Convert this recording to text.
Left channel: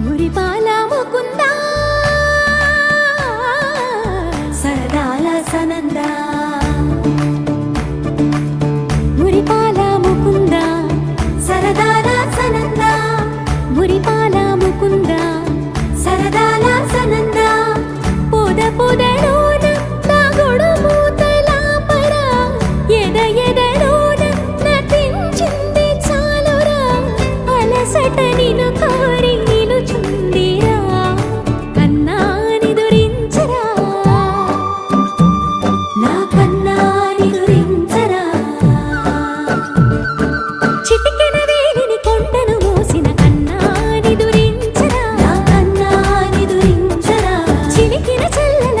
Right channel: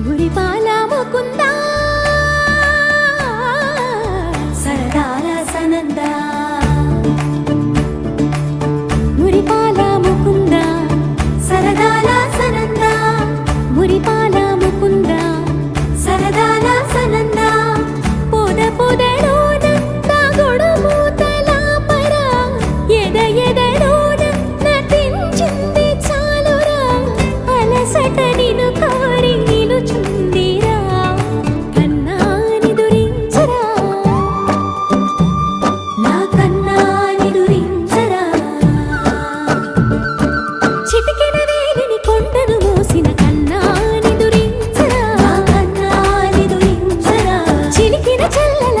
మురిపాల ముకుందా సరదాల సనందా మురిపాల ముకుందా సరదాల సనందా మురిపాల ముకుందా సరదాల సనందా పొద పొదలోన నా గొడుమూతల పరా ఎద ఎదలోన నటించింది చాలురా అలసట నిన్ను కోరి నిలుచుందిరా కన్నాని దురించరా నా కన్నాని దురించరా చిటికెన వేలిని కొండను మూసిన కన్నాని దురించరా నా కన్నాని దురించరా చిలికిన చెల్లెల